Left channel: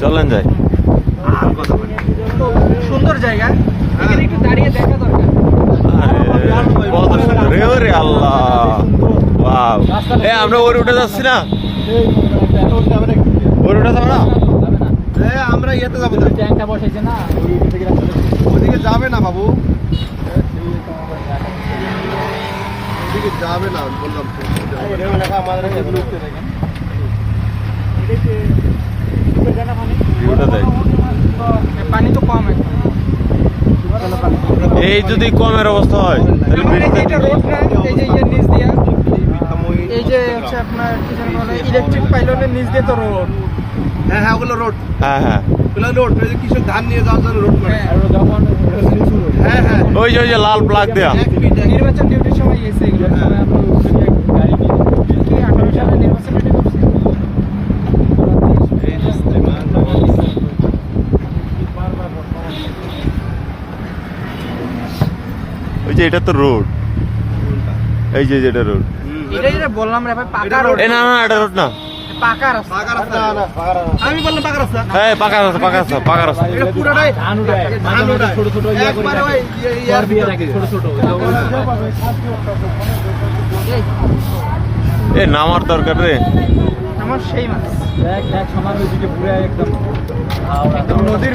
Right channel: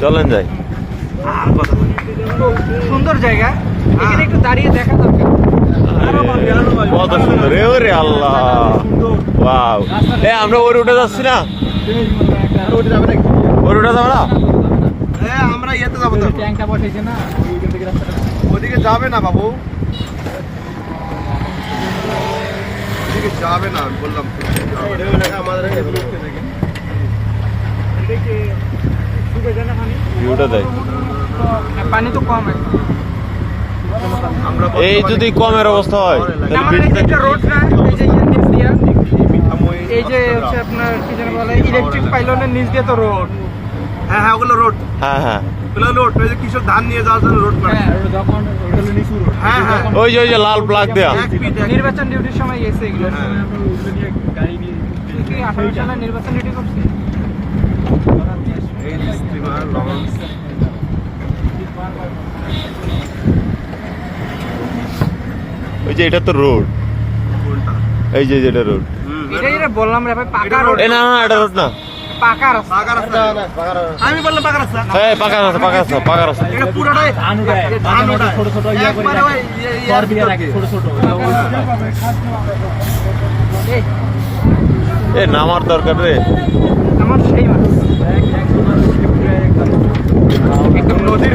চলেন যাই। আর কথা বলি। সুন্দর জায়গা। এখানে একটু দাঁড়িয়ে দেখা দরকার। কত সুন্দর। রে আল্লাহ। ওয়াও। এ আমরা ওই রুটে যাচ্ছি না? ওই রুটে যাব না? আমরা ইয়েতে যাব ওদিকে যাবে না বাবু। ওদিকে যাবে না বললাম। তো, যাবে না। ভিউটা দেখ পানি তো কম এই যদি কমের অবস্থা হয় তাহলে এই যে এটা রোড না এই যে ইয়ের নিচ দিয়া। এই যে হচ্ছে আপনার কি যেন বলে ইলেকট্রিক পাইলনের নিচ দিয়ে তো রোড হ্যাঁ হ্যাঁ ওগুলো রোড হ্যাঁ হ্যাঁ। ওগুলো রোড ওই যে কৃষক ধান নিয়ে যাওয়ার জন্য রোড করে। যখন হ্যাঁ হ্যাঁ। ওই যে ওই যে লাল প্লাগ দেয়া। নির্বাচন ডিউটির সময় গেছে এগুলো। হ্যাঁ। কি আঠারো সালে নির্বাচন ডিউটি করছে এই যে স্টিমার লঞ্চ ওই যে এটা তো রোড। এই যে যেটা রোড। এটা যেটা বললাম রে ভাই পাকা রোড। এ না না এটা রোড না। পাকা রাস্তা। পাকা রাস্তা। আমি বললাম পাকা রাস্তা। হ্যাঁ পাকা রাস্তা পাকা রাস্তা পাকা রাস্তা। এটা পুরোটাই ধান ছোট ছোট একবারে ওই ইয়ার ভিতর দিয়ে। এই, এ নামার দরকার রে। আমার সেই মাছ। নদীর।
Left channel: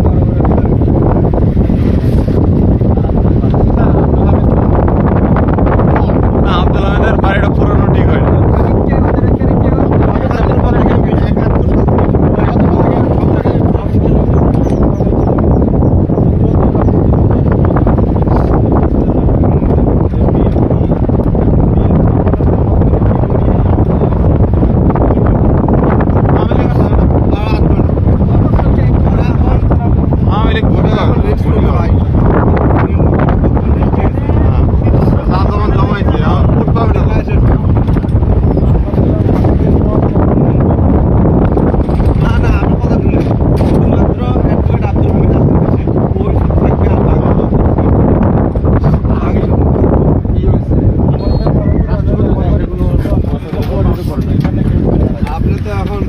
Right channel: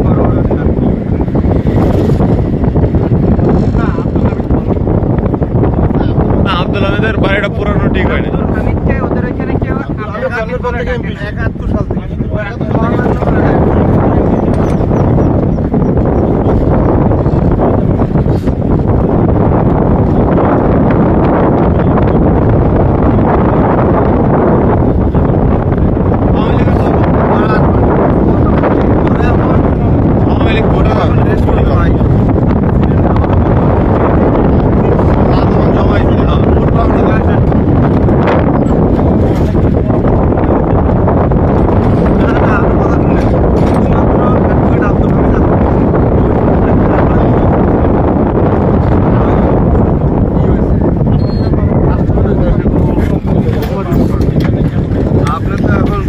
বড় বড় না আব্দুল আহমেদের বাড়িটা পুরনো ঠিক হয়নি আমি কে ওদের আপনি তো এখন